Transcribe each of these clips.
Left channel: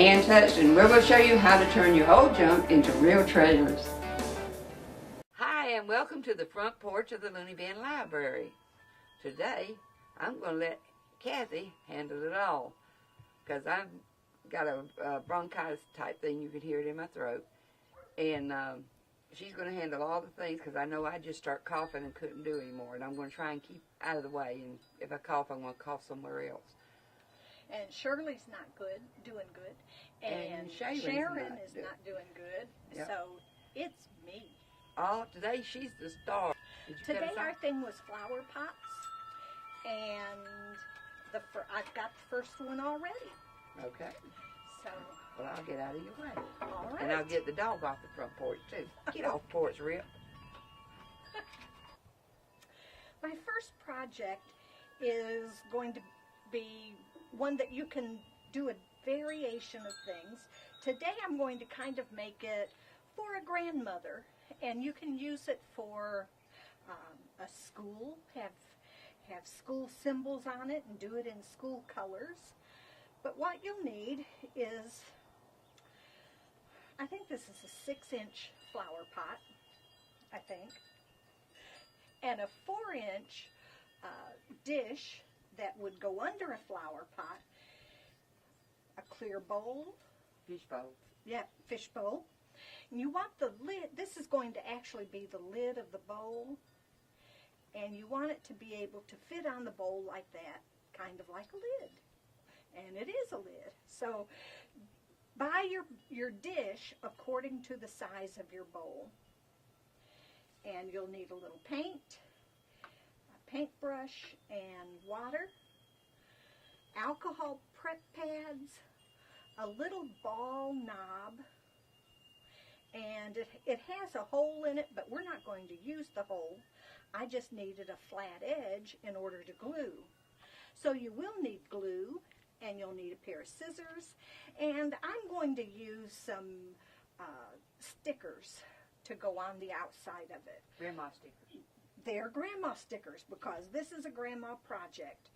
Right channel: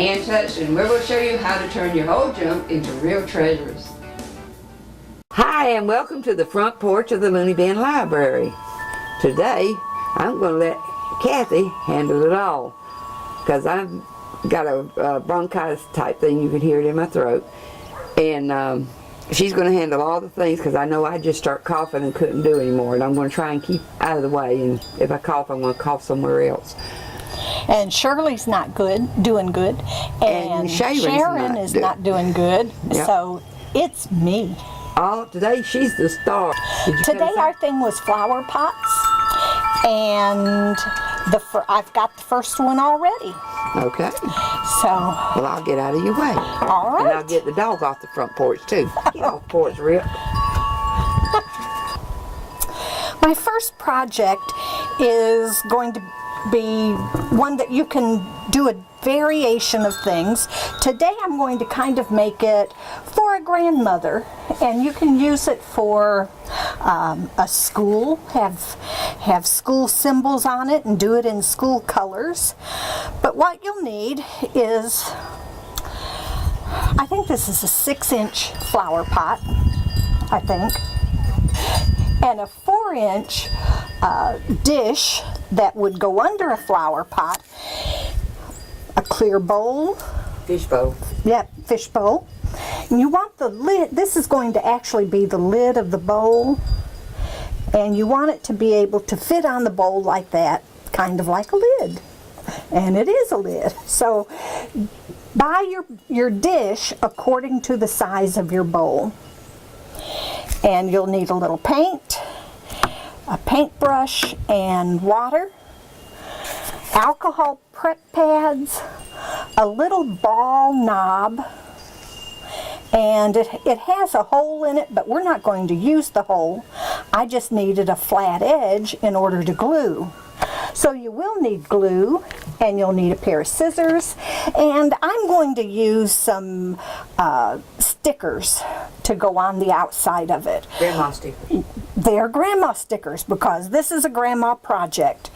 hand touched, and we're going to show you how to turn your old junk into real treasures. Hi, and welcome to the front porch of the Looney Bin Library. Today, I'm going to let Kathy handle it all, because I've got a bronchitis type thing. You can hear it in my throat. And she's going to handle all the things, because I know I just start coughing and couldn't do anymore. And I'm going to try and keep out of the way. And if I cough, I'm going to cough somewhere else. And Shirley's not doing good. And Sharon is not doing good. Yep. So it's me. Oh, today she's the star. Today our thing was flower pots. And I've got the first one already. Okay. So. Well, I'll get out of your way. All right. And I'll get the dog off the front porch too. Get off the porch, Rip. My first project is going to be one that you can do a variation of things. Today I'm going to kind of make it for a grandmother, and you can use it for a school, have school symbols on it and do it in school colors. But what you'll need is, I think this is a 6-inch flower pot, I think, and a 4-inch dish that would go under a flower pot, a clear bowl. Fish bowl. Yep, fish bowl. And you want the lid, this is going to actually be the lid of the bowl, and you want it to be able to fit on the bowl like that, kind of like a lid. And it is a lid. So buy your dish according to the size of your bowl. And you'll need a little paint, a paintbrush and water, alcohol prep pads, a little ball knob, and it has a hole in it, but we're not going to use the hole. I just needed a flat edge in order to glue. So you will need glue, and you'll need a pair of scissors, and I'm going to use some stickers to go on the outside of it. Grandma stickers. They're grandma stickers, because this is a grandma project.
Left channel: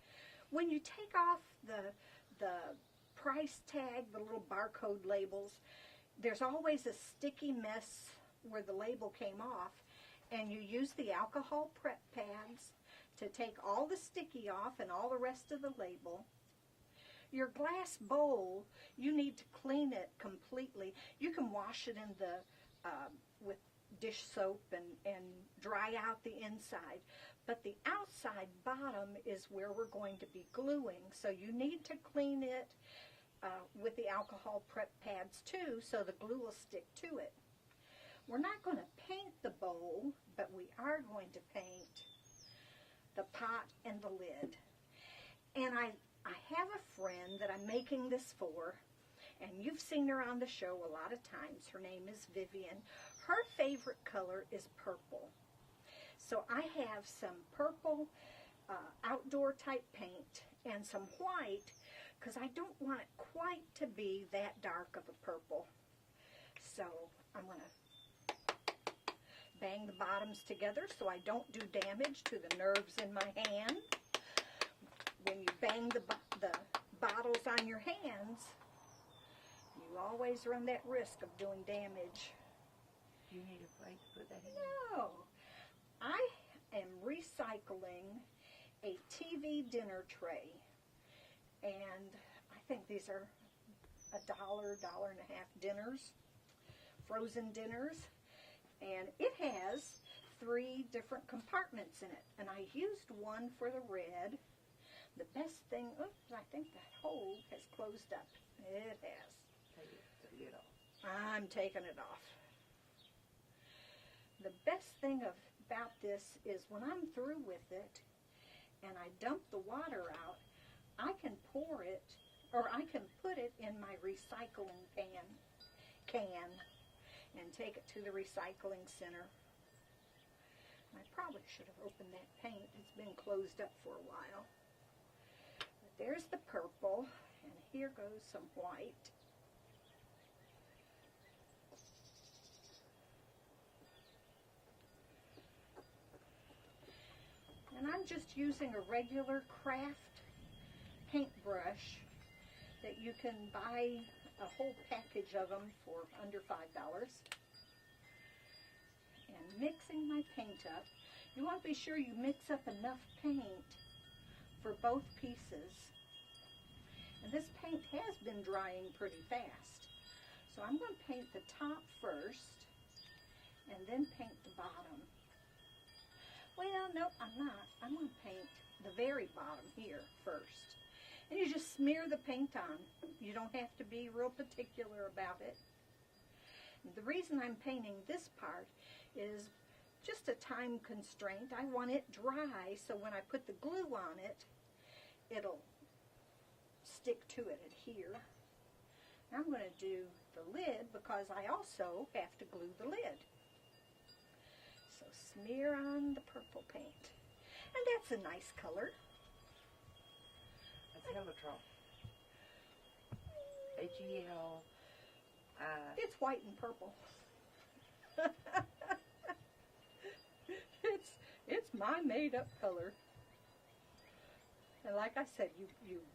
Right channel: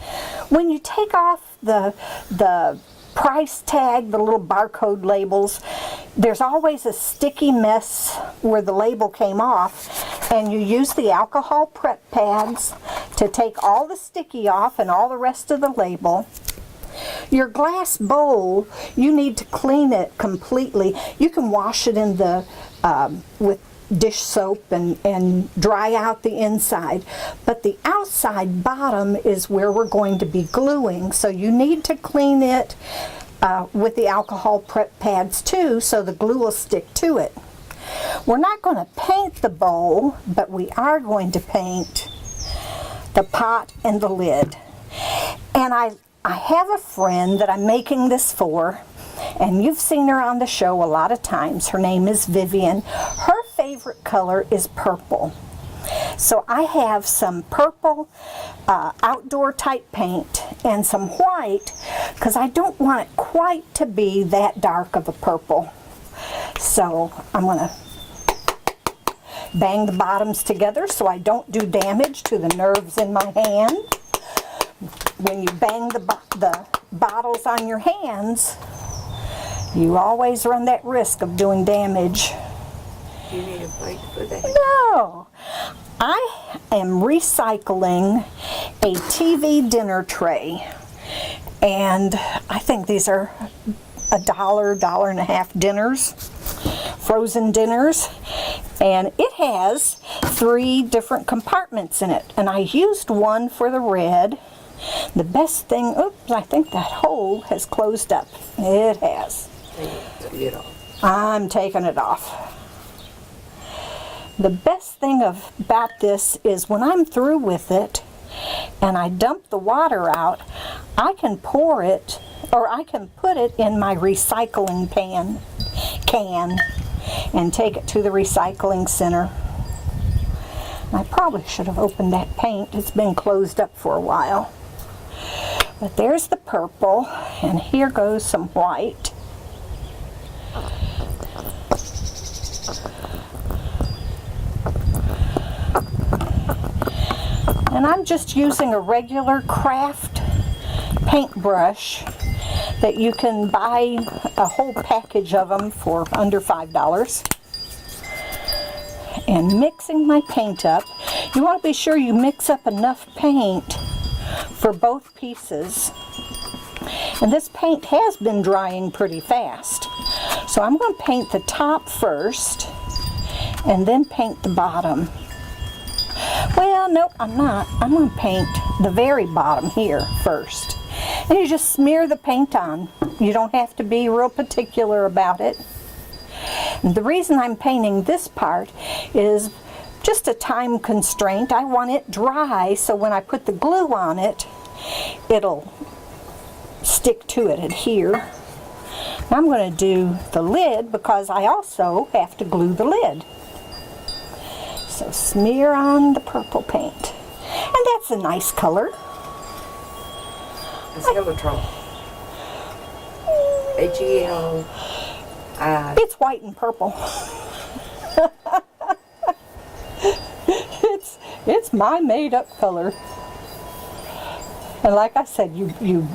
When you take off the price tag, the little barcode labels, there's always a sticky mess where the label came off, and you use the alcohol prep pads to take all the sticky off and all the rest of the label. Your glass bowl, you need to clean it completely. You can wash it in the with dish soap and dry out the inside, but the outside bottom is where we're going to be gluing, so you need to clean it with the alcohol prep pads too, so the glue will stick to it. We're not going to paint the bowl, but we are going to paint the pot and the lid. And I have a friend that I'm making this for, and you've seen her on the show a lot of times. Her name is Vivian. Her favorite color is purple. So I have some purple outdoor type paint and some white, because I don't want it quite to be that dark of a purple. So I'm going to bang the bottoms together so I don't do damage to the nerves in my hand. When you bang the bottles on your hands, you always run that risk of doing damage. Do you need a plate to put that in? No. I am recycling a TV dinner tray, and I think these are $1.50 dinners, frozen dinners, and it has 3 different compartments in it, and I used one for the red. The best thing, oops, I think that hole has closed up. It has. Take it off. I'm taking it off. The best thing about this is when I'm through with it and I dump the water out, I can pour it, or I can put it in my recycling can and take it to the recycling center. I probably should have opened that paint. It's been closed up for a while. But there's the purple, and here goes some white. And I'm just using a regular craft paintbrush that you can buy a whole package of them for under $5. And mixing my paint up. You want to be sure you mix up enough paint for both pieces. And this paint has been drying pretty fast. So I'm going to paint the top first and then paint the bottom. Well, no, I'm not. I'm going to paint the very bottom here first. And you just smear the paint on. You don't have to be real particular about it. And the reason I'm painting this part is just a time constraint. I want it dry so when I put the glue on it, it'll stick to it, adhere. I'm going to do the lid because I also have to glue the lid. So smear on the purple paint. And that's a nice color. It's heliotrope. H-E-L. It's white and purple. It's my made-up color. And like I said, you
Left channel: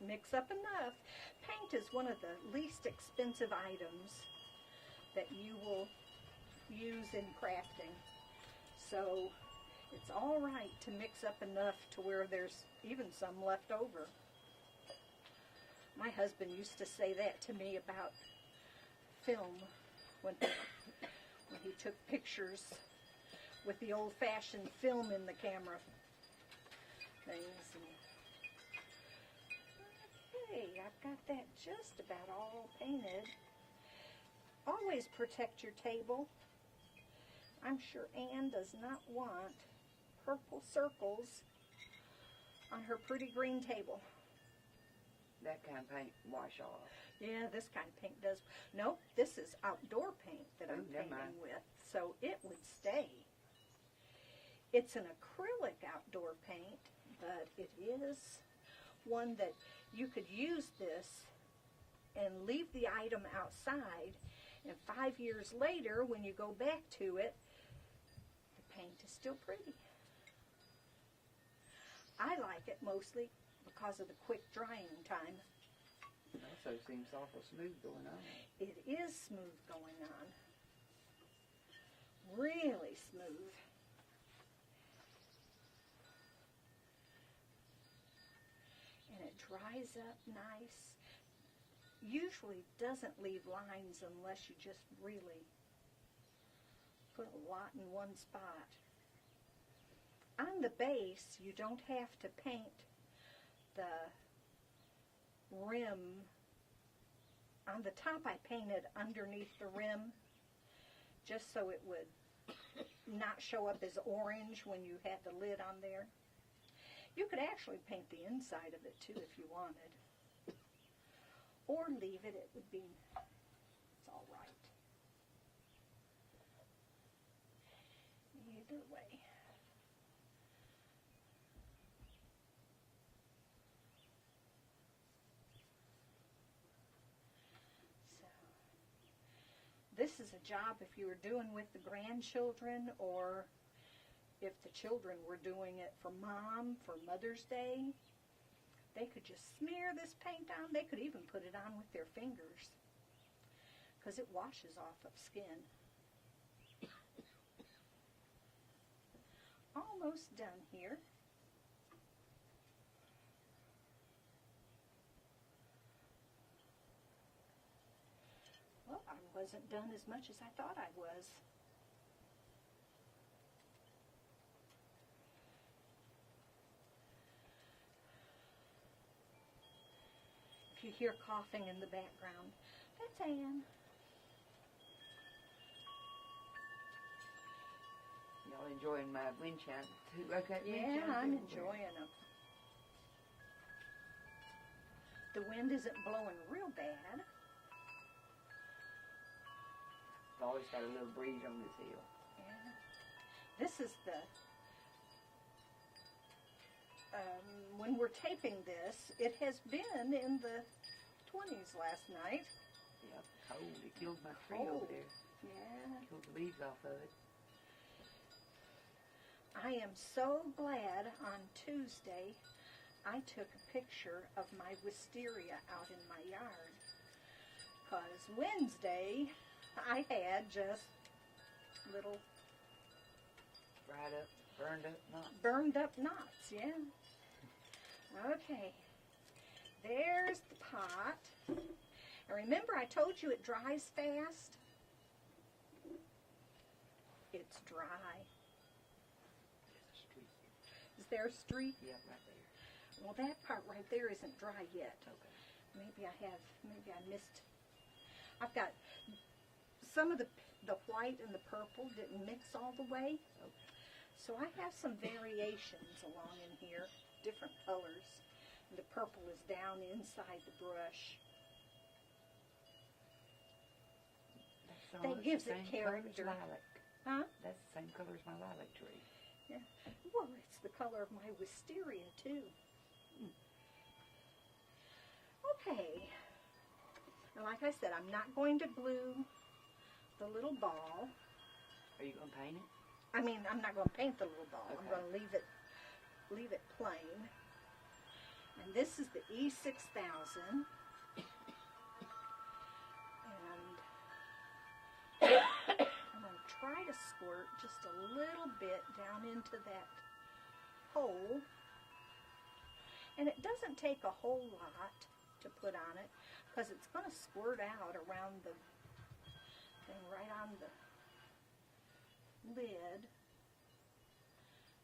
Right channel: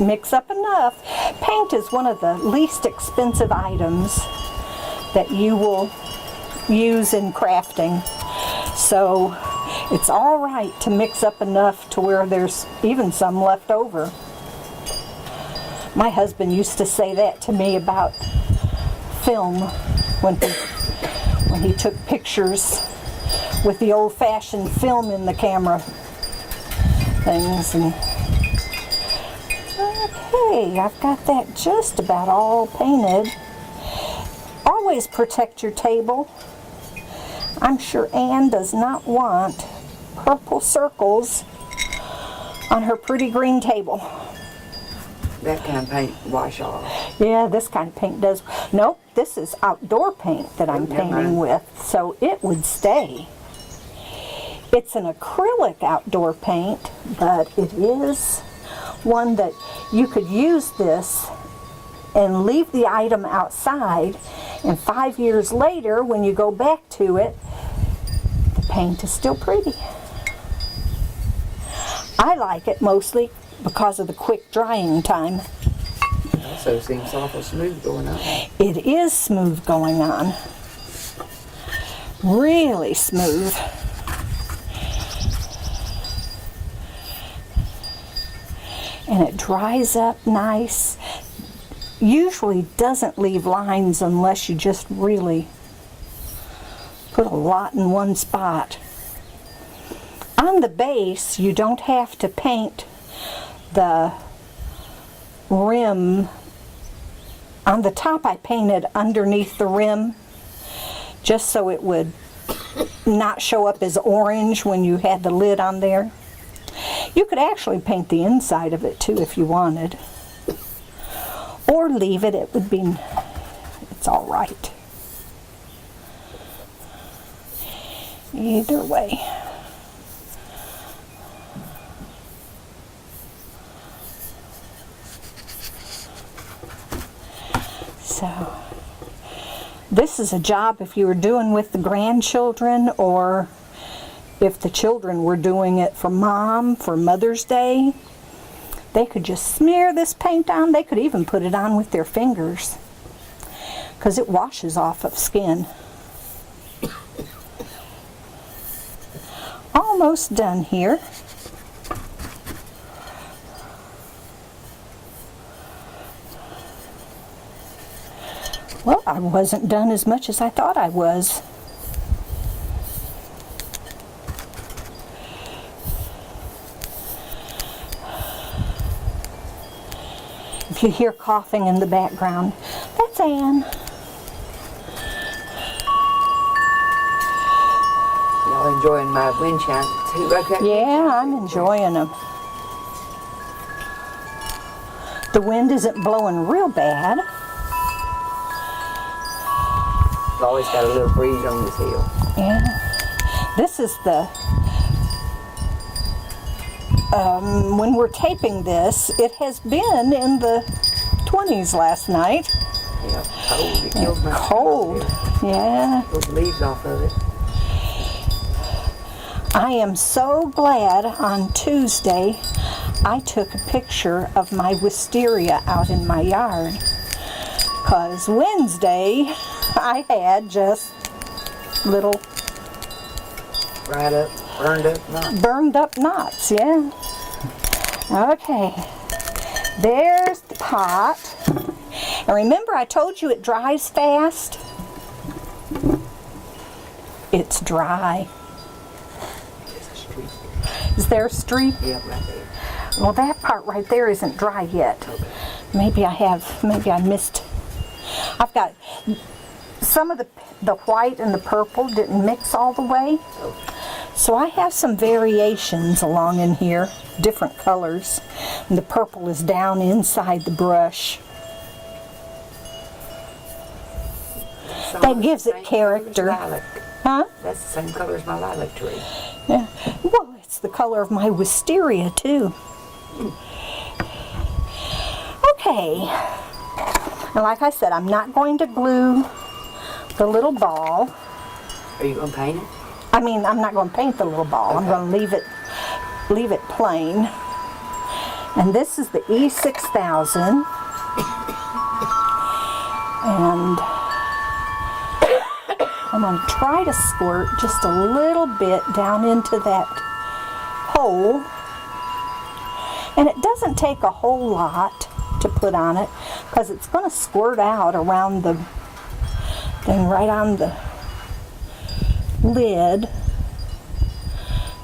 mix up enough. Paint is one of the least expensive items that you will use in crafting. So it's all right to mix up enough to where there's even some left over. My husband used to say that to me about film when he took pictures with the old-fashioned film in the camera things. And okay, I've got that just about all painted. Always protect your table. I'm sure Anne does not want purple circles on her pretty green table. That kind of paint wash off. Yeah, this kind of paint does. Nope, this is outdoor paint that I'm painting with, so it would stay. It's an acrylic outdoor paint, but it is one that you could use this and leave the item outside, and 5 years later, when you go back to it, the paint is still pretty. I like it mostly because of the quick drying time. It also seems awful smooth going on. It is smooth going on. Really smooth. And it dries up nice. Usually doesn't leave lines unless you just really put a lot in one spot. On the base, you don't have to paint the rim. On the top, I painted underneath the rim just so it would not show up as orange when you had the lid on there. You could actually paint the inside of it too if you wanted. Or leave it, it would be, it's all right. Either way. So, this is a job if you were doing with the grandchildren, or if the children were doing it for Mom, for Mother's Day. They could just smear this paint on. They could even put it on with their fingers because it washes off of skin. Almost done here. Well, I wasn't done as much as I thought I was. If you hear coughing in the background, that's Anne. Y'all enjoying my wind chime too? Yeah, I'm enjoying them. The wind isn't blowing real bad. It's always got a little breeze on this hill. Yeah. This is the when we're taping this, it has been in the 20s last night. Yeah, cold. It kills my Cold, yeah. those leaves off of it. I am so glad on Tuesday I took a picture of my wisteria out in my yard, because Wednesday I had just little Right up, burned up knots. burned up knots, yeah. Okay, there's the pot. And remember I told you it dries fast? It's dry. There's a streak. Is there a streak? Yep, right there. Well, that part right there isn't dry yet. Okay. Maybe I missed. I've got some of the white and the purple didn't mix all the way. Okay. So I have some variations along in here, different colors. And the purple is down inside the brush. That gives it character. Huh? That's the same color as my lilac tree. Yeah. Well, it's the color of my wisteria too. Okay. And like I said, I'm not going to glue the little ball. Are you going to paint it? I mean, I'm not going to paint the little ball. Okay. I'm going to leave it plain. And this is the E6000. And I'm going to try to squirt just a little bit down into that hole. And it doesn't take a whole lot to put on it, because it's going to squirt out around the thing right on the lid.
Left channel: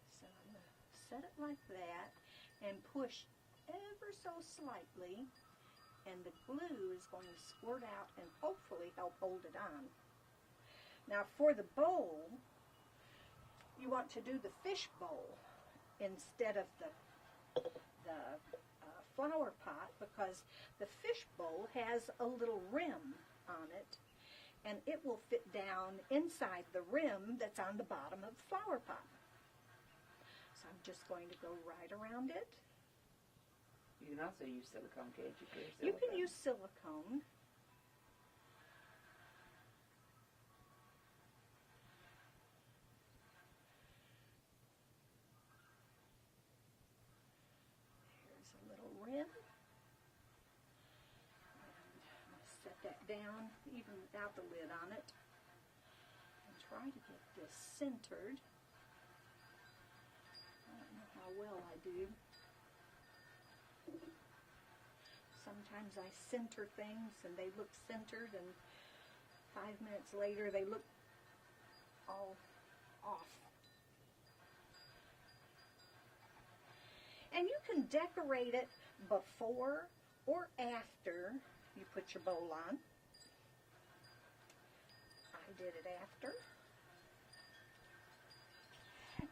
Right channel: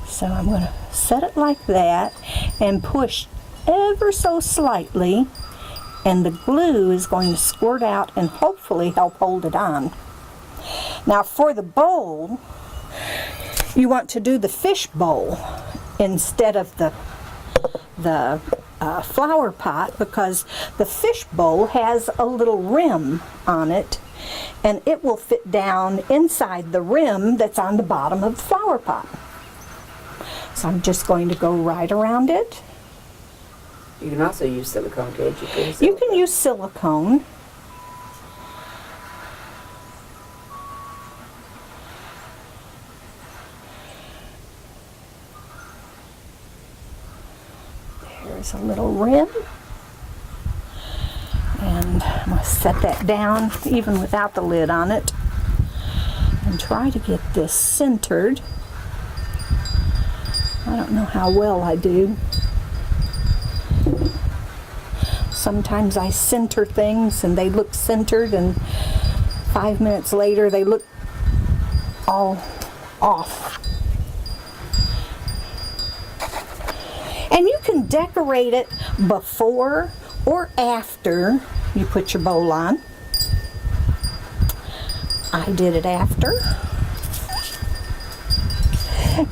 So I'm going to set it like that and push ever so slightly, and the glue is going to squirt out and hopefully help hold it on. Now for the bowl, you want to do the fish bowl instead of the flower pot, because the fish bowl has a little rim on it, and it will fit down inside the rim that's on the bottom of the flower pot. So I'm just going to go right around it. You can also use silicone, can't you? You can use silicone. There's a little rim. And I'm going to set that down even without the lid on it and try to get this centered. I don't know how well I do. Sometimes I center things and they look centered, and 5 minutes later they look all off. And you can decorate it before or after you put your bowl on. I did it after.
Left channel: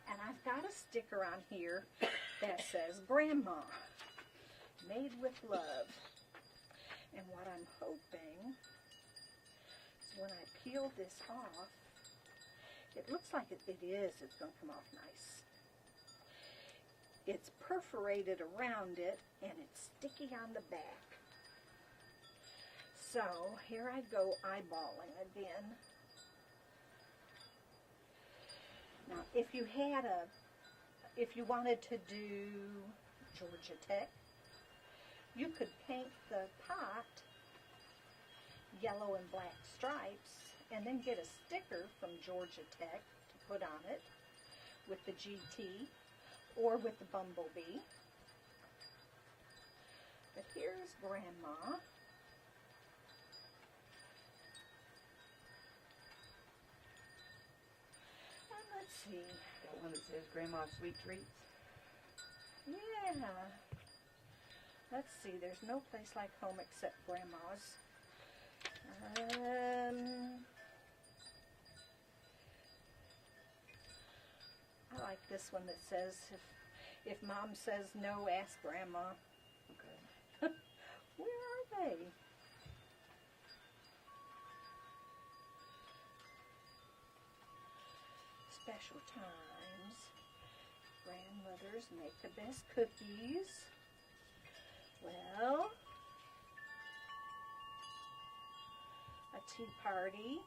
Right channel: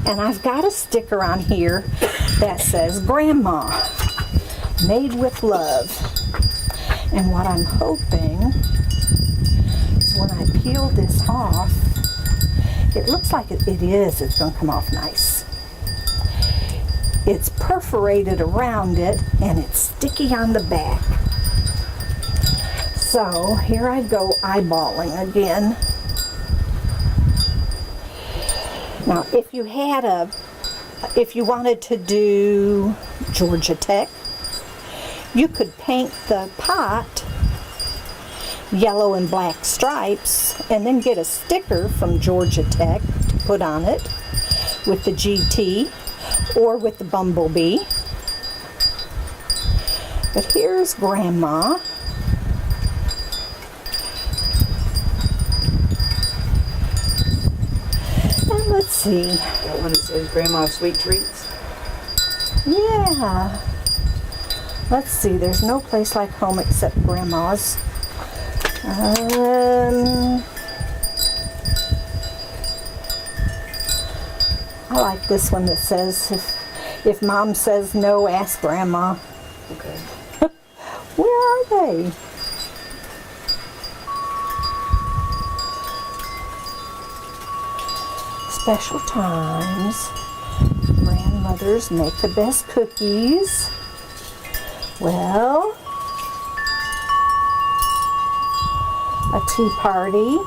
And I've got a sticker on here that says Grandma, made with love. And what I'm hoping is when I peel this off, it looks like it's going to come off nice. It's perforated around it and it's sticky on the back. So here I go eyeballing again. Now if you wanted to do Georgia Tech, you could paint the pot yellow and black stripes and then get a sticker from Georgia Tech to put on it with the GT or with the bumblebee. But here's Grandma. And let's see. That one that says Grandma's Sweet Treats? Yeah. Let's see, there's no place like home except Grandma's. I like this one that says, if Mom says no, ask Grandma. Okay. Where are they? Special times. Grandmothers make the best cookies. Well, a tea party.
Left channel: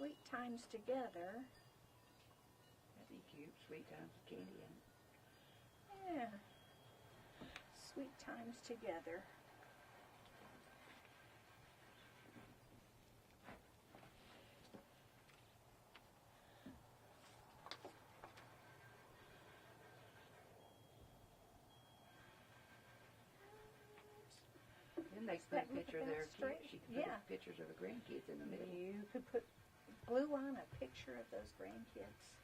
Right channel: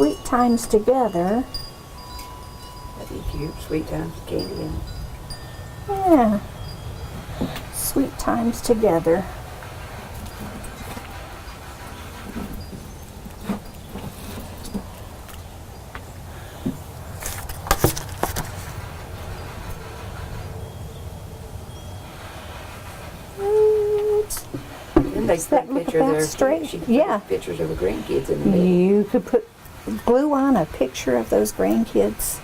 Sweet times together. That'd be cute. Sweet times candy and Yeah. Sweet times together. then they put a look picture of about their straight? she put Yeah. pictures of her grandkids in the middle. You could put glue on a picture of those grandkids.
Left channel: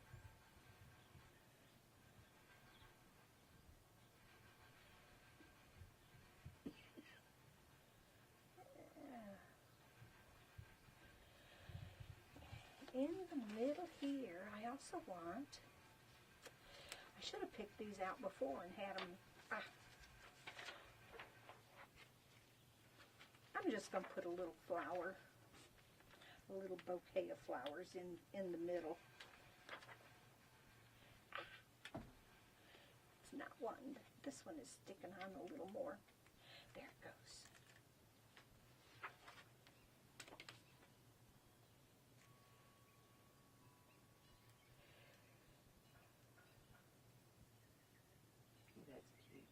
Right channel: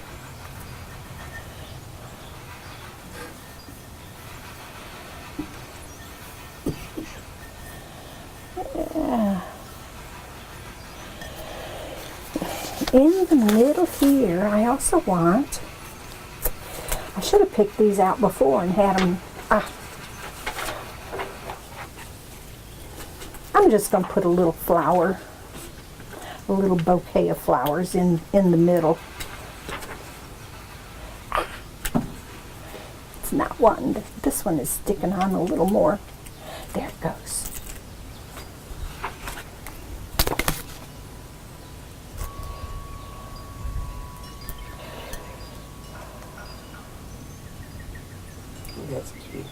Yeah. In the middle here, I also want, I should have picked these out before and had them, I'm just going to put a little flower, a little bouquet of flowers in the middle. It's not one. This one is sticking on a little more. There it goes. That's cute.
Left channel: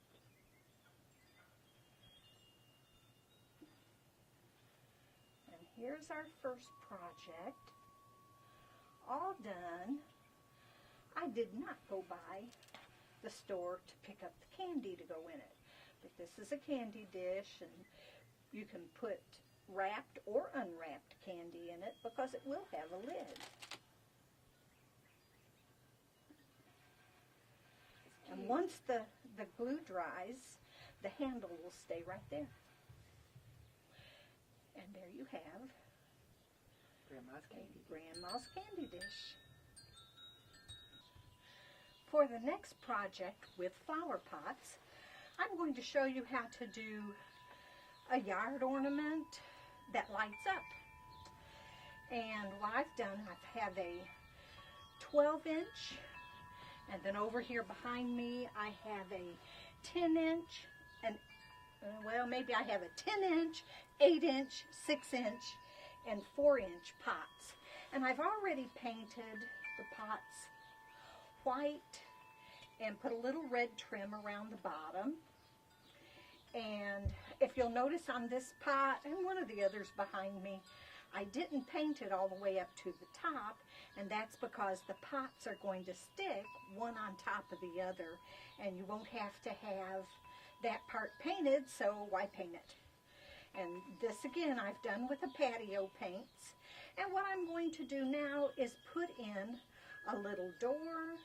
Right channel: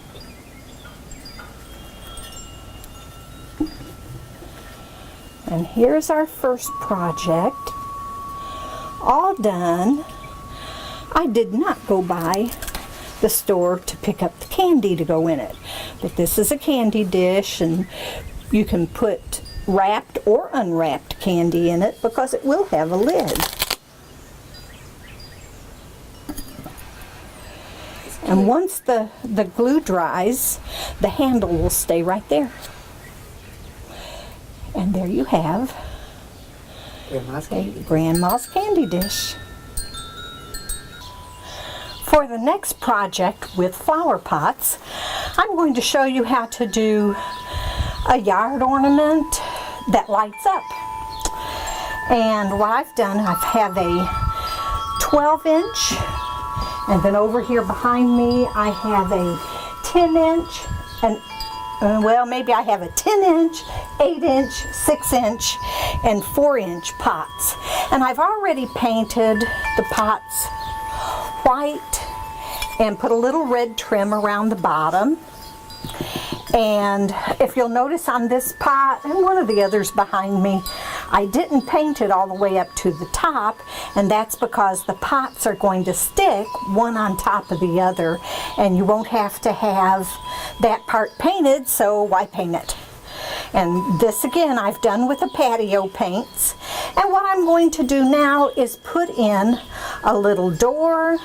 And here's our first project, all done. I did not go by the store to pick up the candy to go in it, but this is a candy dish, and you can put wrapped or unwrapped candy in it because it will have a lid. And once the glue dries, the handle will stay right there. And there you have Grandma's a candy. grandma's candy dish. For the next project with flower pots, I'm going to show you how to do a yard ornament that lights up. And what I've done, I have a 12-inch, and then over here behind me I have a 10-inch, and well, maybe I have a 10-inch, 8-inch, 6-inch, and 4-inch pots. And I've already painted the pots white and put a little red trim around the bottom. And if you'll notice on this pot and one of the others behind me, I didn't paint it all the way up to the top, and that's because the pots are going to stick one on top of the other, and you won't have to have that part painted, so why paint it? And this again I've done with the patio paints. And what I'm going to do now is put in a little door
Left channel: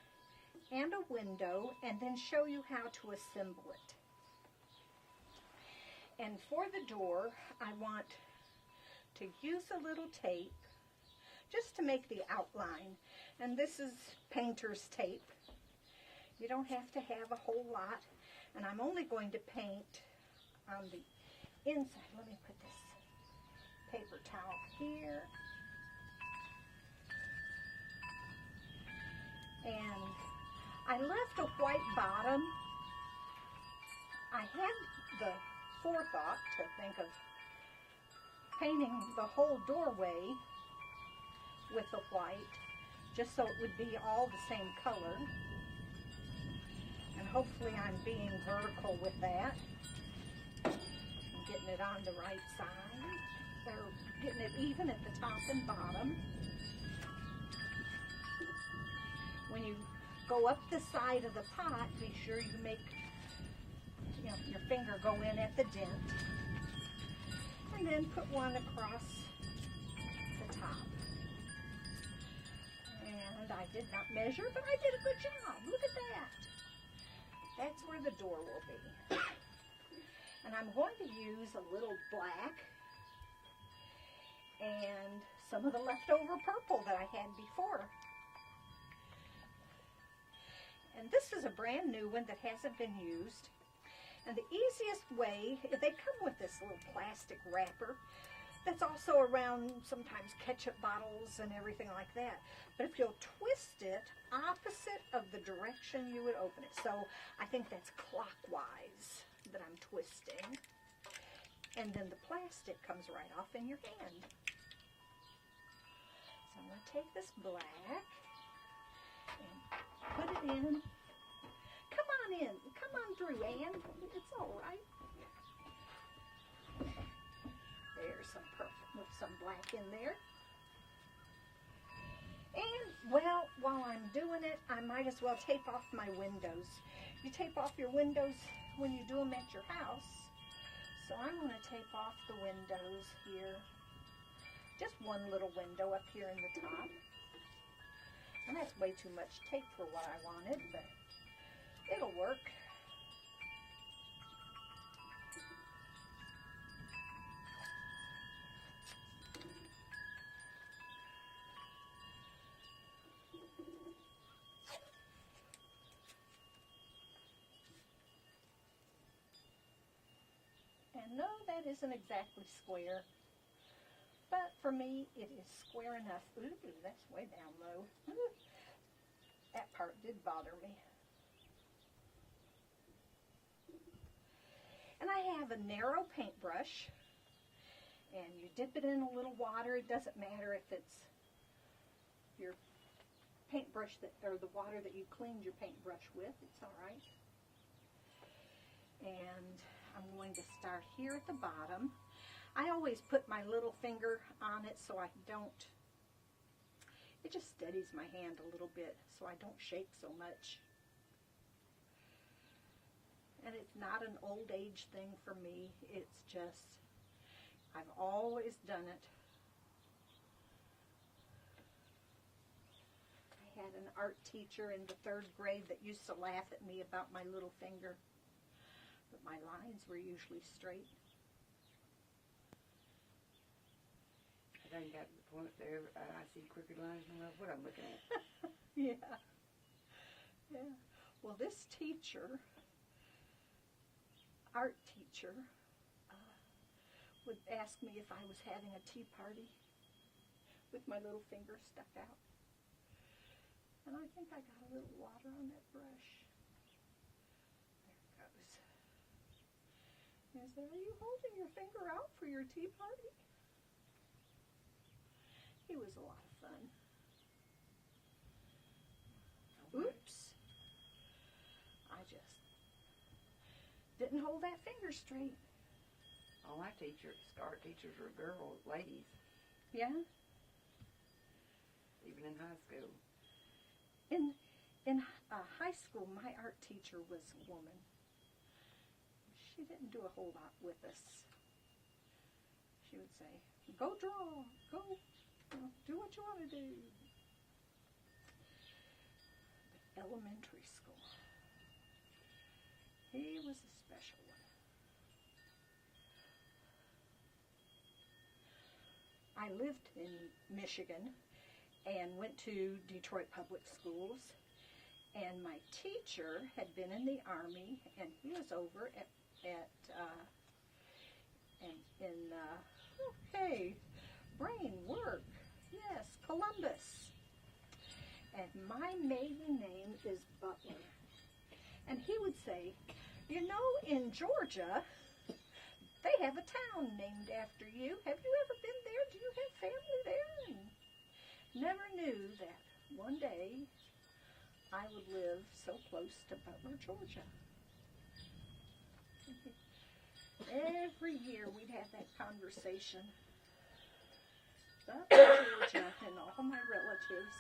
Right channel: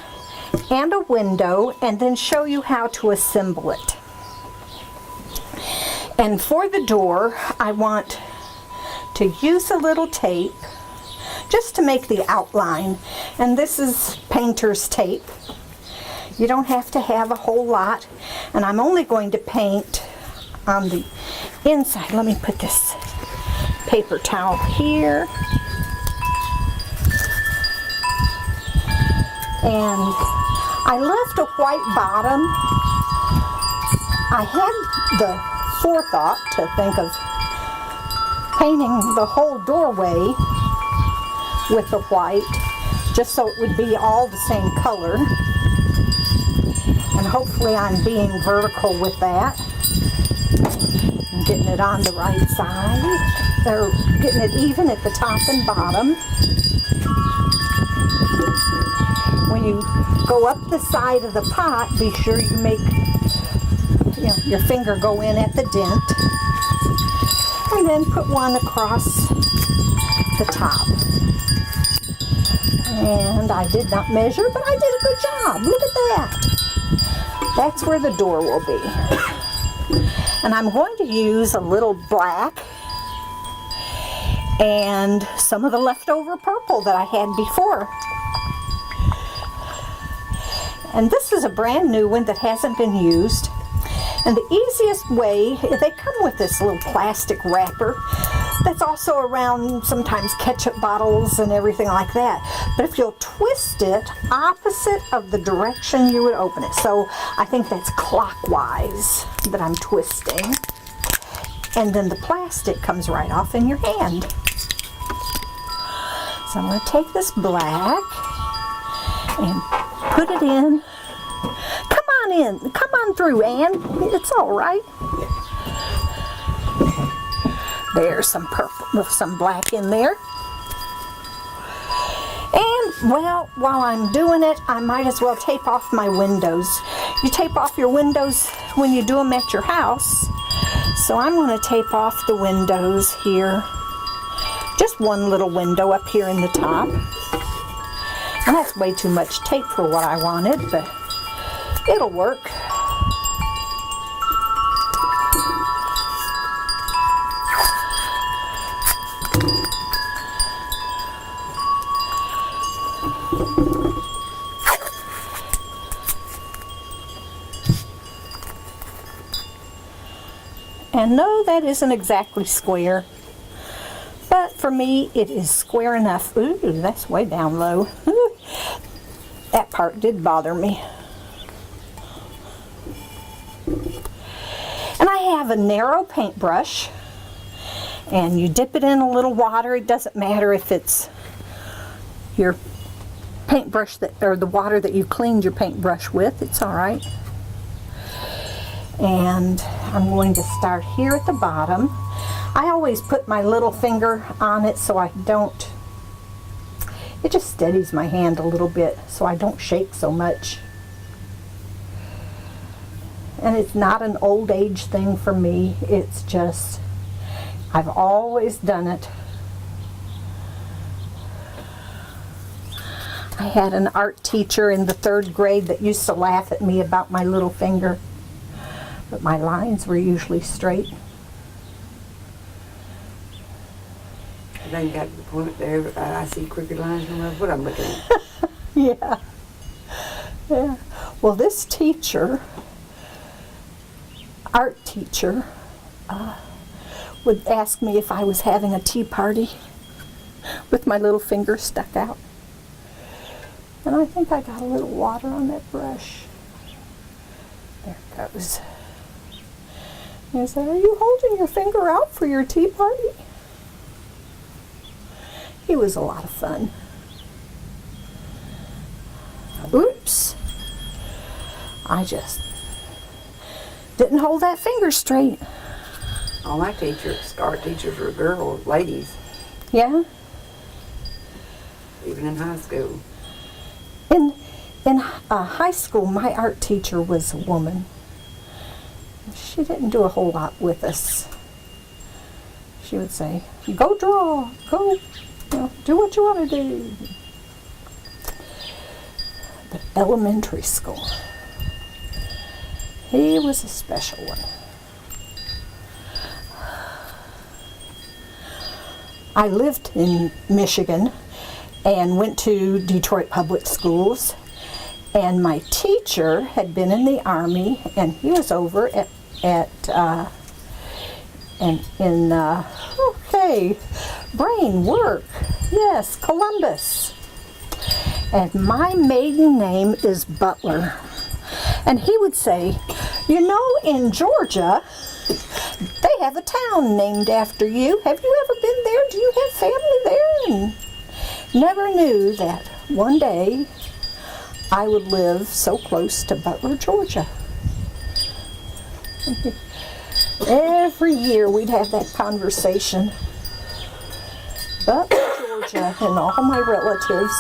and a window and then show you how to assemble it. And for the door, I want to use a little tape just to make the outline. And this is painter's tape. You don't have to have a whole lot. And I'm only going to paint on the inside. Let me put this paper towel here. And I left a white bottom. I had the forethought to think of painting the whole doorway with the white, just so it would be all the same color. And hopefully I'm being vertical with that. I'm getting it on the right side, or getting it even at the top and bottom. When you go up the side of the pot, be sure you make your finger go in at the dent, and then put one across the top. And I did not measure, but I did a good job. Look at that. That's where the door will be. And I'm going to use a little black and some of the leftover purple that I had before. And this is a brand new one that hasn't been used. And the easiest way, they come with this little plastic wrapper that's also around sometimes ketchup bottles and everything like that. But if you'll twist it opposite of the direction you would open it. So I think that's clockwise that I'm twisting. And then the plastic comes right off in your hand. So I'm going to take this black and put it in. Come on in. Come on through, Ann. It's all right. There's some purple, some black in there. And, well, while I'm doing it, I might as well tape off my windows. You tape off your windows when you do them at your house. So I'm going to tape off the windows here. Just one little window up here in the top. And that's way too much tape for what I wanted, but it'll work. And no, that isn't exactly square, but for me it is square enough. Ooh, that's way down low. That part did bother me. And I have a narrow paintbrush, and you dip it in a little water. It doesn't matter if it's your paintbrush or the water that you cleaned your paintbrush with, it's all right. And I'm going to start here at the bottom. I always put my little finger on it so I don't, it just steadies my hand a little bit so I don't shake so much. And it's not an old age thing for me, it's just, I've always done it. I had an art teacher in the 3rd grade that used to laugh at me about my little finger. But my lines were usually straight. I think got to the point there, I see crooked lines no matter what I'm looking at. Yeah. Yeah. Well, this teacher, art teacher, would ask me if I was having a tea party with my little finger stuck out. And I think I got a little water on that brush. There it goes. He said, "Are you holding your finger out for your tea party?" He was a lot of fun. Oops. I just didn't hold that finger straight. All my teachers, art teachers, were girls, ladies, Yeah? even in high school. In high school, my art teacher was a woman. She didn't do a whole lot with us. She would say, "Go draw, go, do what you want to do." But elementary school, he was a special one. I lived in Michigan and went to Detroit Public Schools, and my teacher had been in the Army, and he was over brain work, yes, Columbus. And my maiden name is Butler. And he would say, "You know, in Georgia, they have a town named after you. Have you ever been there? Do you have family there?" And never knew that one day I would live so close to Butler, Georgia. Every year we'd have that conversation. Butler, Georgia, and all my relatives.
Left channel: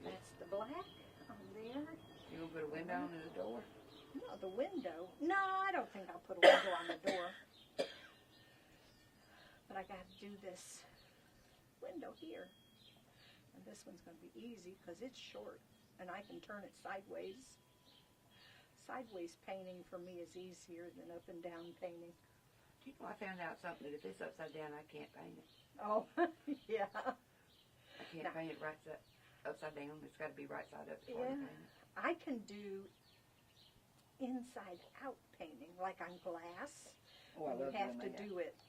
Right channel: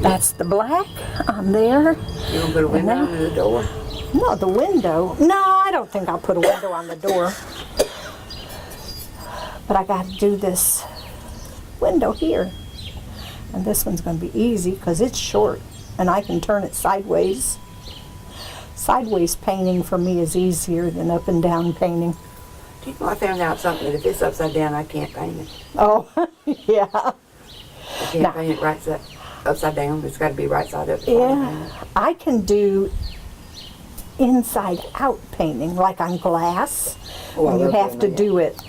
That's the black on there. You gonna put a window under the door? No, the window. No, I don't think I'll put a window on the door. But I got to do this window here. And this one's going to be easy because it's short and I can turn it sideways. Sideways painting for me is easier than up and down painting. Do you know, I found out something that if it's upside down, I can't paint it. Oh, yeah. I can't paint it upside down. It's got to be right side up. Yeah, I can do inside out painting, like on glass. Oh, when you love have to that. do it,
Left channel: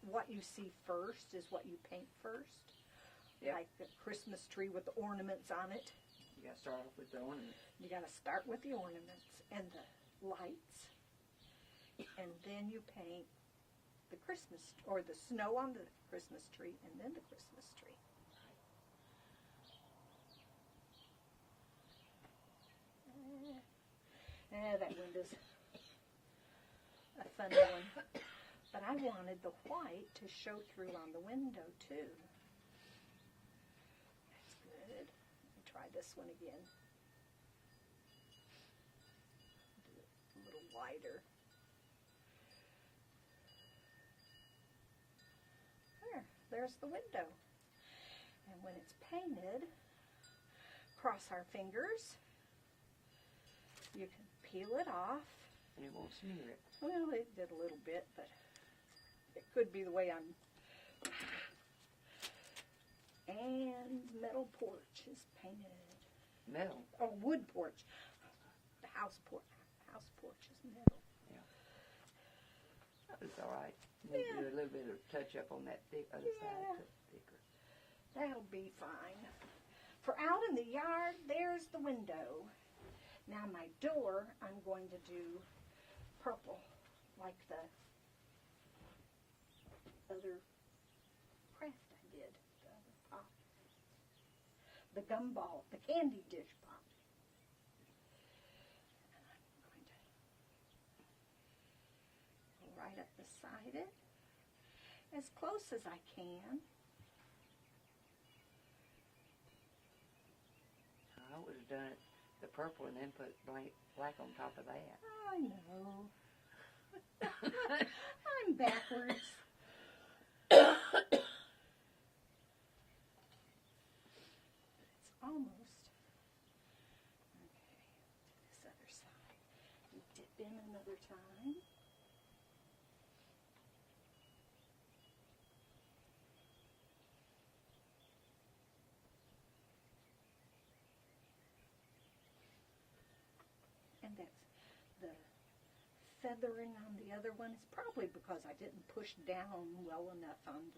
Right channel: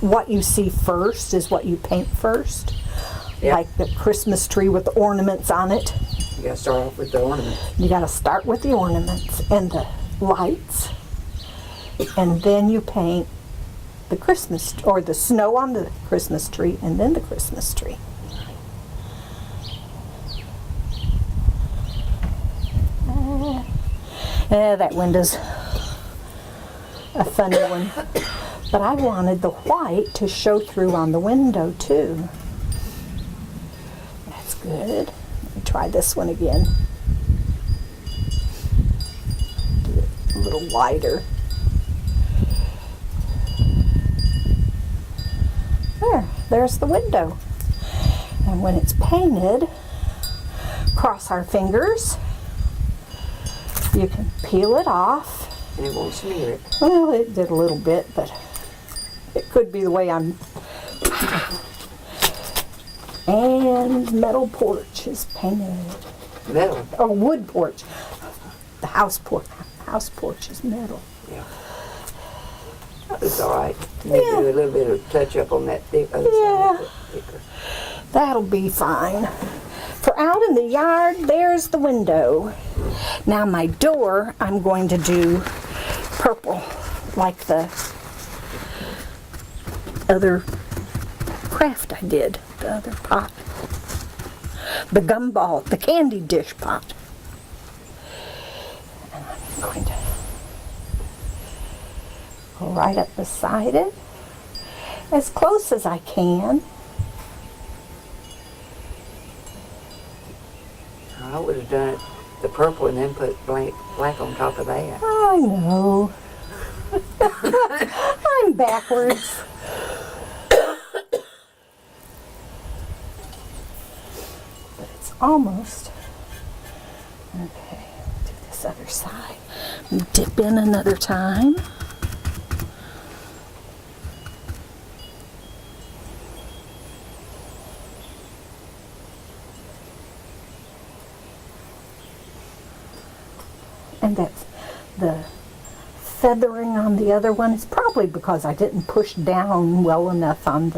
what you see first is what you paint first. Yep. Like the Christmas tree with the ornaments on it. You got to start off with the ornaments. You got to start with the ornaments, and lights, and then you paint the Christmas, or the snow on the Christmas tree, and then the Christmas tree. That window's a funny one. But I wanted the white to show through on the window too. That's good. Let me try this one again. Do it a little wider. There's the window. And when it's painted, cross our fingers. You can peel it off. And it won't smear it. Well, it did a little bit, but it could be the way I'm. And metal porch is painted. Metal? Or wood porch. The house porch is metal. Yeah. It's all right. You need to do a little bit of touch up on that other side. Thicker. That'll be fine. For out in the yard, there's the window. Now my door, I'm going to do purple, like the other craft I did, the other pot. The gumball, the candy dish pot. And I'm going to go right up beside it, as close as I can. I would have done it the purple and then put black on top of that. I know. I'm backwards. But it's almost. Okay, do this other side. Dip in another time. And that's the feathering on the other one is probably because I didn't push down well enough on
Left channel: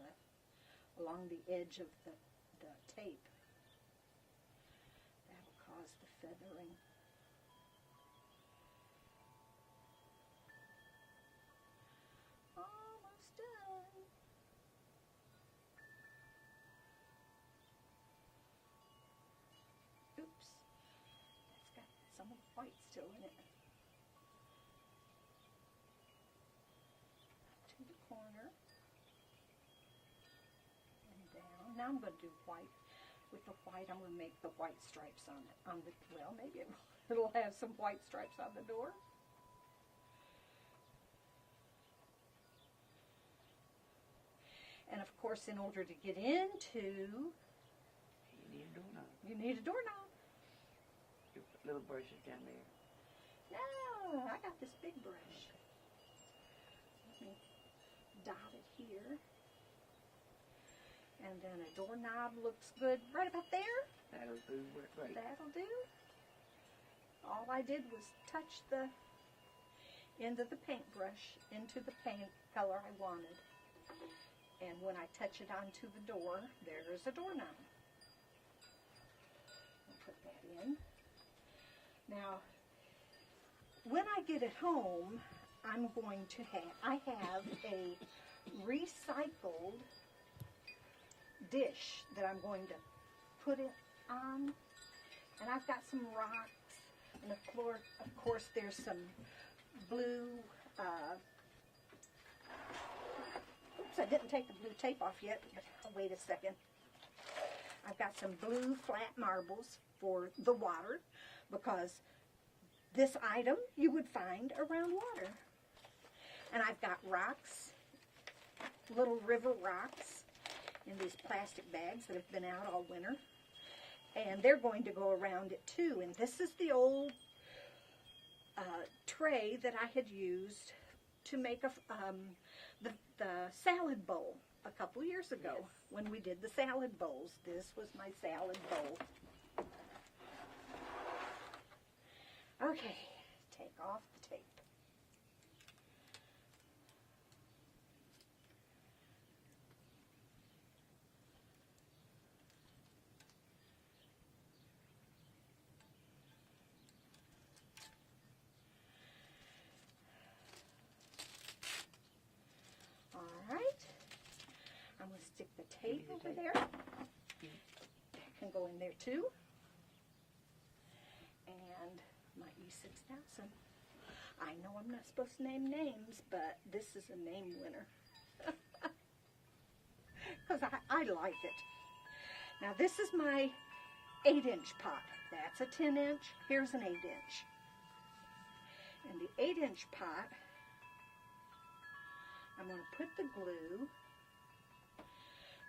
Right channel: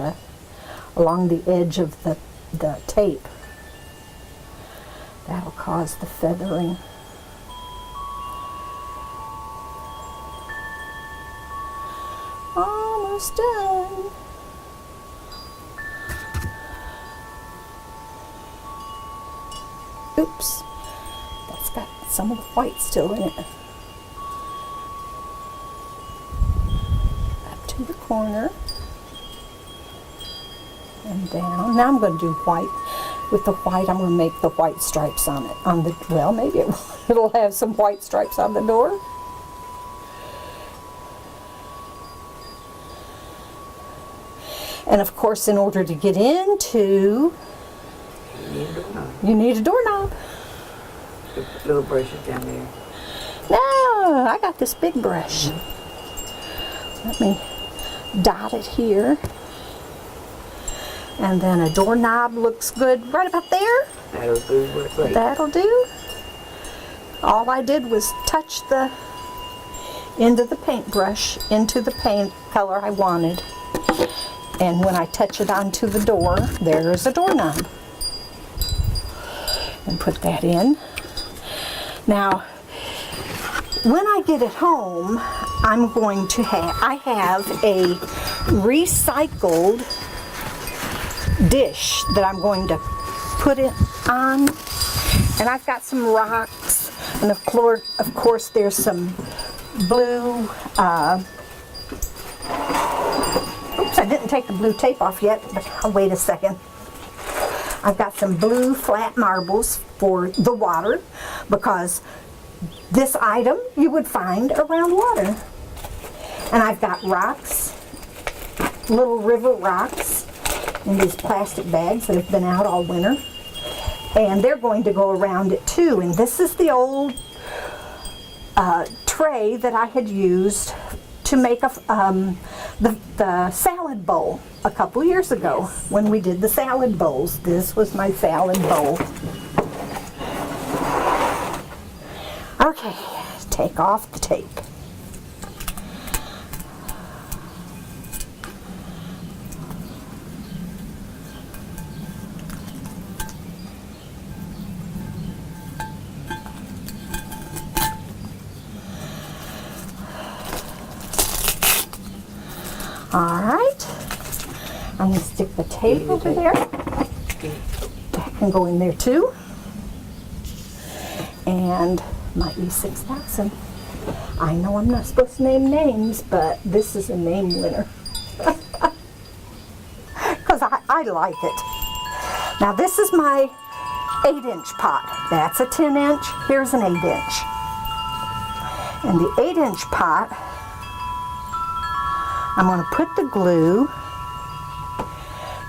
along the edge of the tape. That'll cause the feathering. Almost done. Oops. That's got some of the white still in it. Up to the corner. And down. Now I'm going to do white. With the white, I'm going to make the white stripes on it. Well, maybe it'll have some white stripes on the door. And of course, in order to get into, you need a doorknob. The little brushes down there. No, I got this big brush. Let me dot it here. And then a doorknob looks good right about there. That'll do great. That'll do. All I did was touch the end of the paintbrush into the paint color I wanted. And when I touch it onto the door, there's a doorknob. And put that in. Now, when I get it home, I'm going to I have a recycled dish that I'm going to put it on. And I've got some rocks, and of course there's some blue, oops, I didn't take the blue tape off yet, but I'll wait a second. I've got some blue flat marbles for the water, because this item you would find around water. And I've got rocks, little river rocks, in these plastic bags that have been out all winter. And they're going to go around it too. And this is the old tray that I had used to make the salad bowl a couple years ago. Yes. When we did the salad bowls. This was my salad bowl. Okay, take off the tape. All right. I'm going to stick the tape over there. That can go in there too. And my E6000. I know I'm not supposed to name names, but this is a name winner. Because I like it. Now this is my 8-inch pot. That's a 10-inch. Here's an 8-inch. And the 8-inch pot, I'm going to put the glue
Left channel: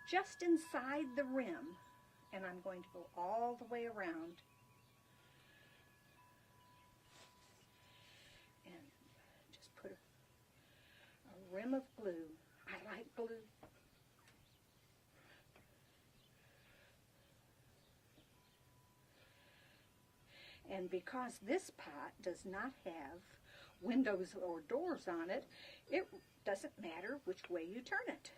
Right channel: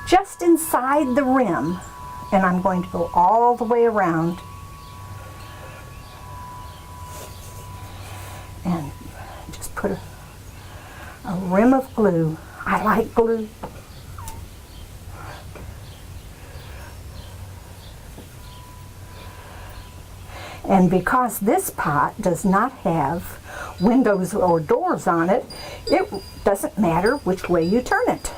just inside the rim, and I'm going to go all the way around and just put a rim of glue. I like glue. And because this pot does not have windows or doors on it, it doesn't matter which way you turn it.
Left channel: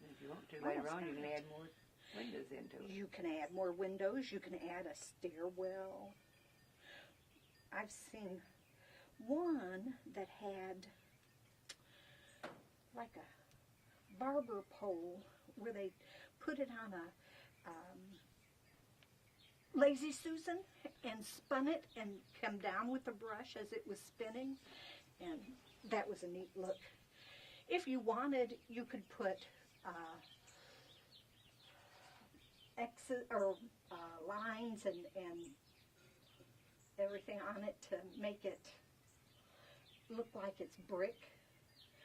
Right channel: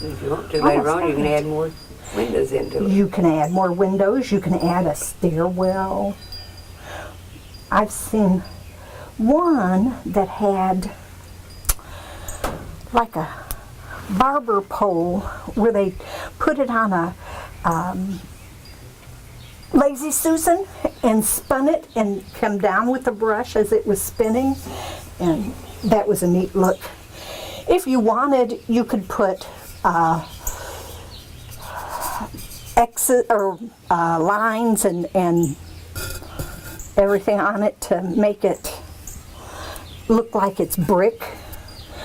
If you want to later on, you can add more windows into it. You can add more windows. You can add a stairwell. I've seen one that had like a barber pole where they put it on a Lazy Susan and spun it and come down with the brush as it was spinning, and that was a neat look. If you wanted, you could put X's or lines and everything on it to make it look like it's brick.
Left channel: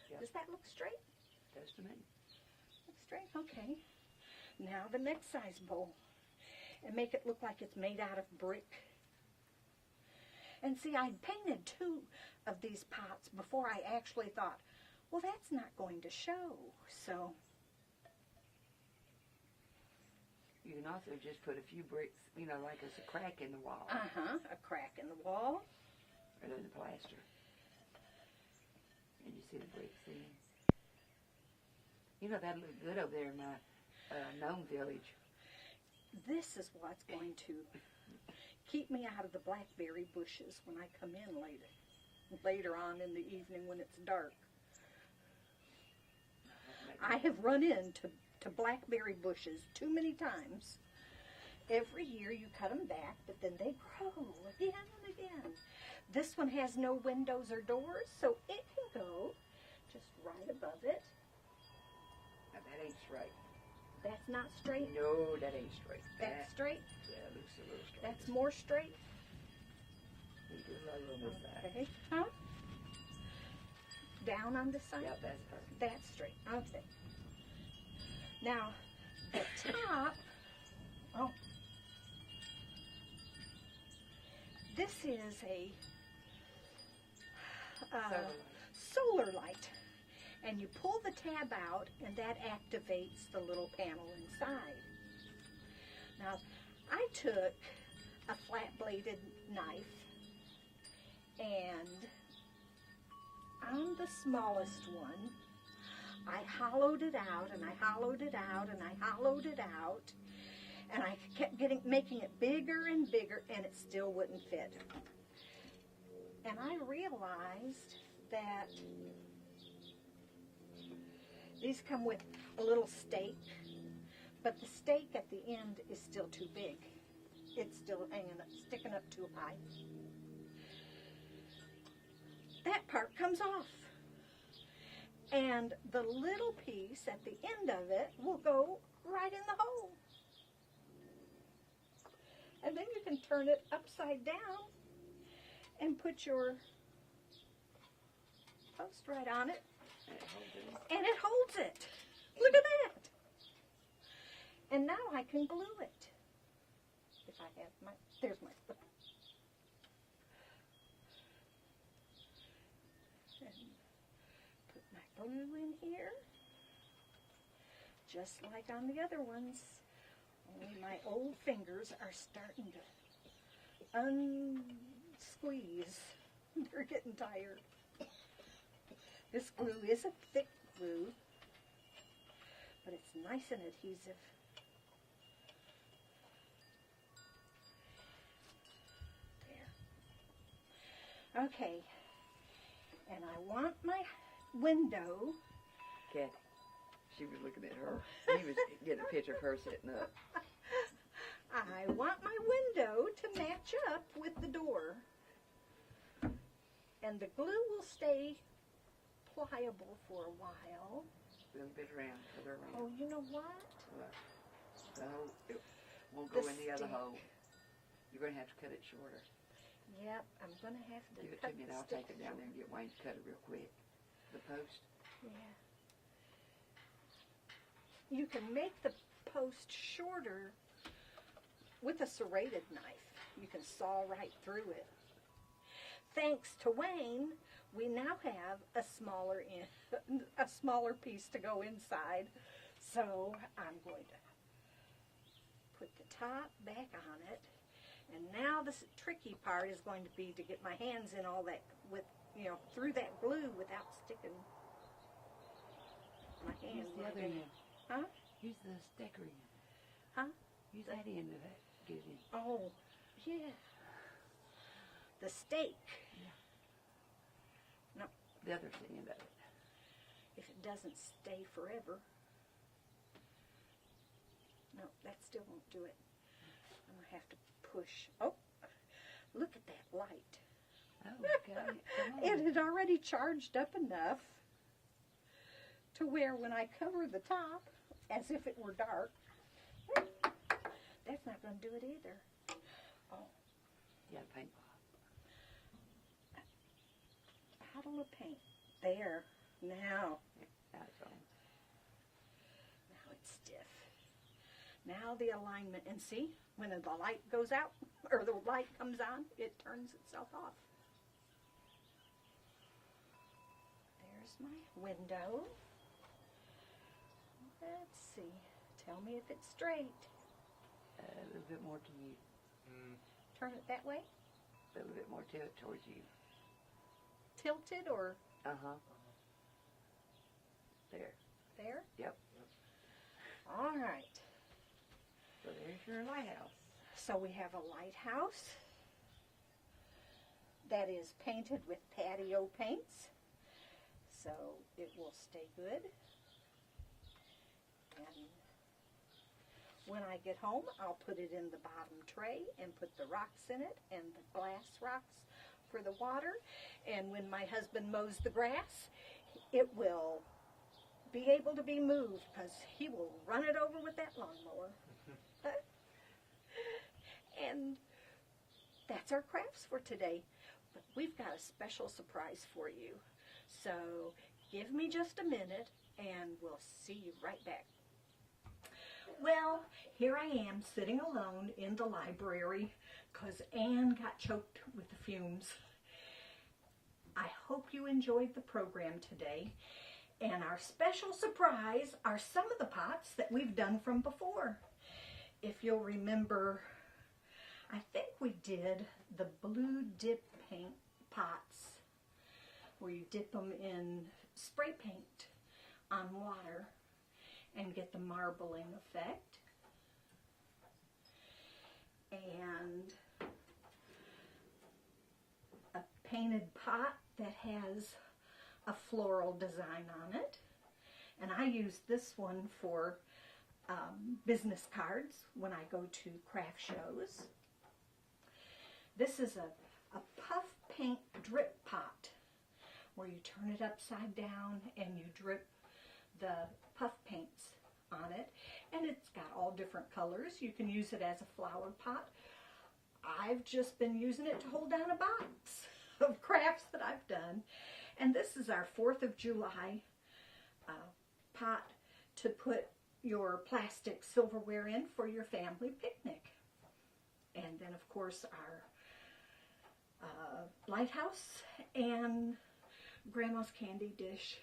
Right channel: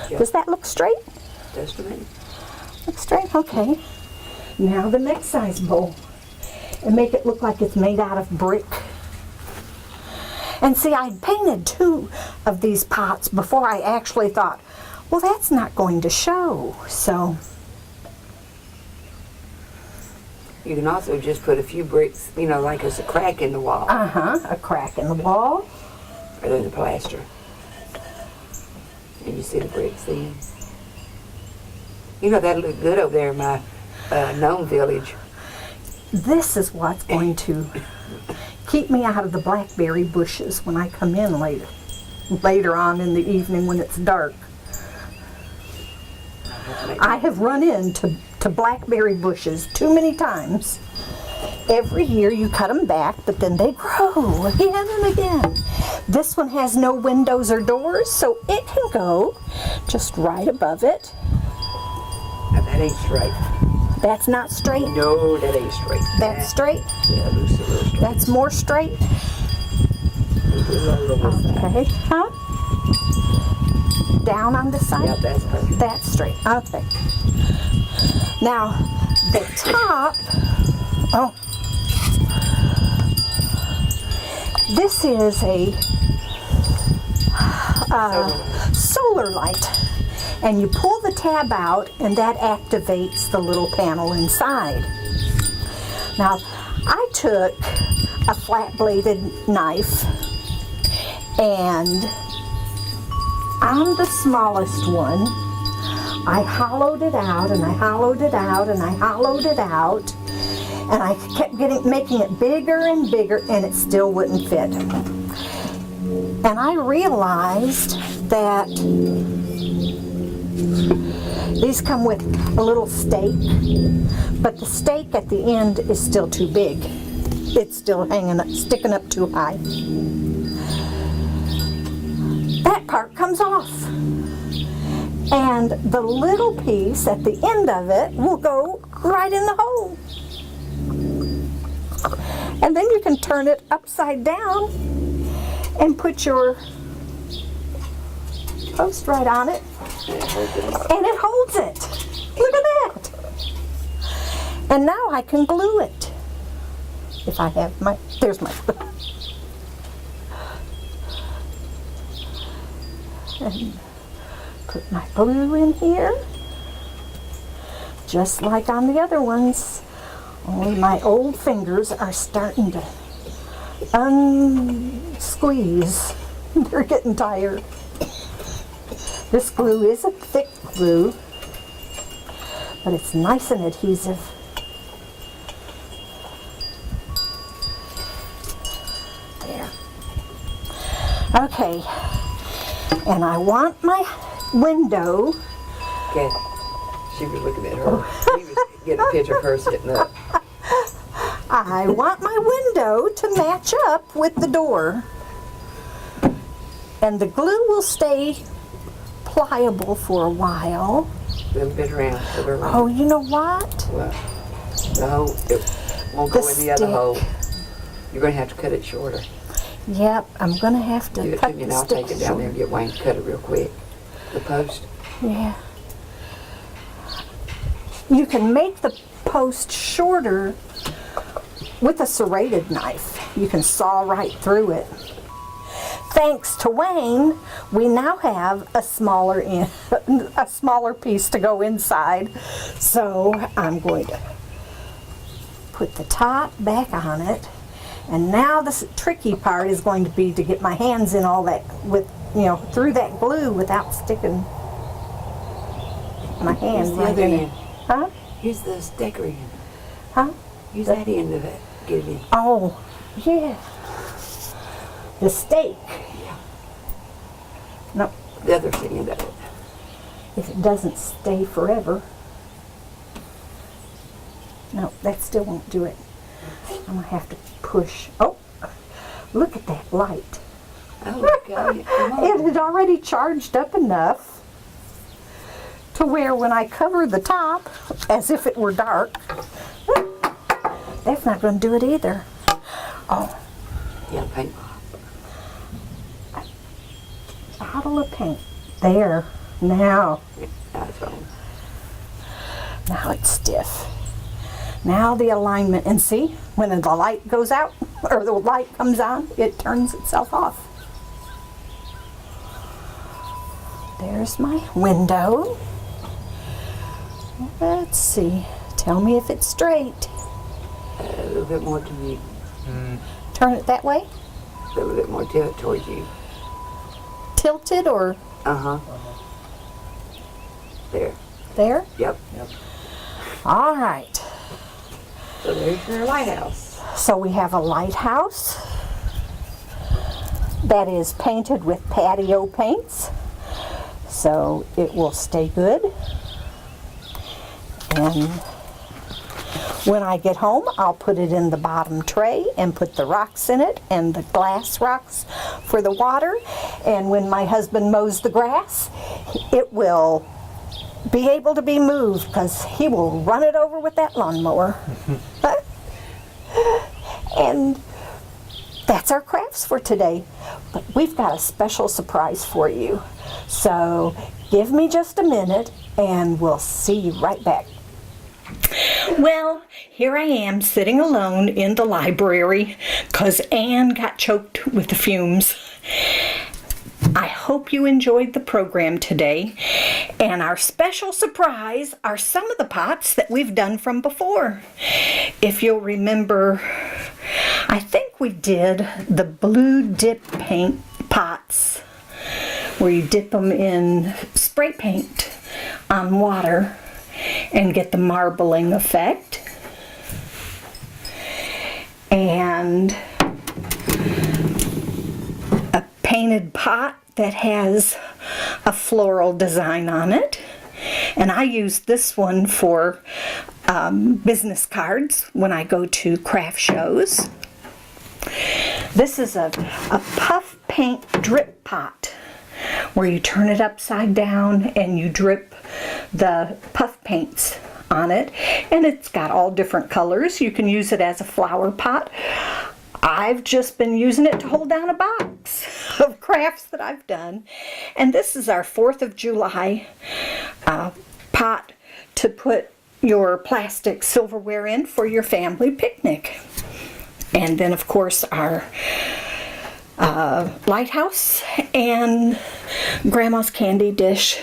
Yep. Does that look straight? Just a minute. Look straight? Okay. Now the next size bowl. And make it look like it's made out of brick. And see, I painted 2 of these pots before I actually thought, well, that's not going to show. So You can also just put a few bricks, you know, like there's a crack in the wall. a crack in the wall. Or there's a plaster. And you see the bricks then. You know, that'll look good over there in my gnome village. This is what's going to keep me out of the blackberry bushes when I come in later on in the evening when it's dark. I have run into blackberry bushes too many times. Every year you cut them back, but then they grow again and again. This one has no windows or doors, so it can go just right above it. Now that ain't straight. That's not straight. No, that ain't straight. That's straight. Yeah, loose a little straight. That's more straight. Okay. Huh? Down on the side? Yep, that's perfect. That's straight. Okay. Now, the top, this is a solar light. And you pull the tab out, and that activates the little panel inside. Now, I took a flat-bladed knife, and on the smallest one, I hollowed it out, and I hollowed it out, and I hollowed it out, and I kept making it bigger and bigger, and it still wouldn't fit. And I realized that these come with a little stake, but the stake at the end is still too big. It's still sticking up too high. That part comes off. And the little piece at the end of it will go right in the hole. And then you can turn it upside down and put your post right on it. And it holds it. Look at that. And now I can glue it. If I have there's my glue. And put my glue in here. Just like on the other ones. Only my old fingers are starting to unsqueeze. They're getting tired. This glue is a thick glue, but it's nice and adhesive. There. tray. And I want my window. Okay. She was looking at her. He was getting a picture of her sitting up. I want my window to match up with the door. And the glue will stay pliable for a while. A little bit around. Oh, you know what? What? The hole, it won't go in the other stick. hole. You're going to have to cut it shorter. Yep, I'm going to have to Give it cut to me the and I'll stick take it down there and get Wayne to cut it real quick. The post. Yeah. You can make the post shorter with a serrated knife. You can saw right through it. Thanks to Wayne, we now have a smaller piece to go inside. So I'm going to put the top back on it. And now the tricky part is going to be to get my hands in all that through that glue without sticking my hand Use the right other in it. end. Huh? Use the sticker end. Huh? Use that end of it. Get it in. Oh, yeah. The stake. Yeah. No, The other end of it. if it doesn't stay forever. No, that still won't do it. I'm gonna have to push. Oh, look at that light. Oh, God. Come on. It had already charged up enough to where when I cover the top, as if it were dark, that's not going to do it either. Oh, Yeah, paint. bottle of paint. There. Now. That's wrong. Now it's stiff. Now the alignment, and see, when the light goes out, or the light comes on, it turns itself off. There's my window. Let's see. Tell me if it's straight. A little bit more to me. Turn it that way? A little bit more tilt towards you. Tilted or Uh-huh. There. there? Yep. All right. So there's your lighthouse. So we have a lighthouse that is painted with patio paints, so it will stay good. And when I get home, I'll put it in the bottom tray and put the rocks in it and the glass rocks for the water. And when my husband mows the grass, it will be able to be moved because he will run it over with that lawnmower. And that's our crafts for today. But we've got a special surprise for you. So give me just a minute and we'll see you right back. Well, here I am sitting alone in the library because Anne got choked with the fumes. I hope you enjoyed the program today. And our special surprise are some of the pots that we've done from before. If you'll remember, I think we did the blue dip paint pots where you dip them in spray paint on water and get the marbling effect. And a painted pot that has a floral design on it. And I use this one for business cards when I go to craft shows. This is a puff paint drip pot where you turn it upside down and you drip the puff paints on it, and it's got all different colors. You can use it as a flower pot. I've just been using it to hold down a box of crafts that I've done. And this is our 4th of July pot to put your plastic silverware in for your family picnic. And then of course our lighthouse and Grandma's candy dish.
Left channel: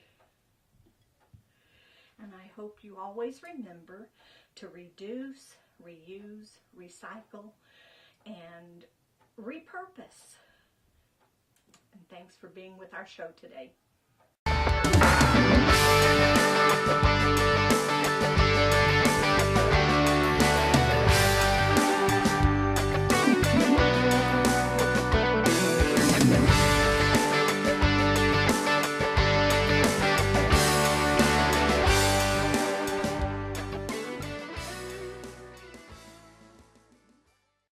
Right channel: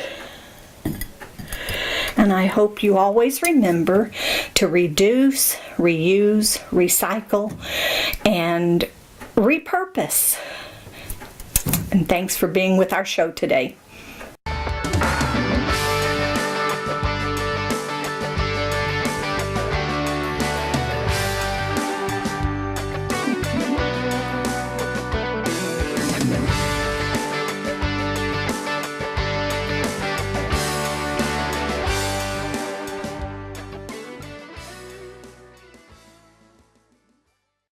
And I hope you always remember to reduce, reuse, recycle, and repurpose. And thanks for being with our show today.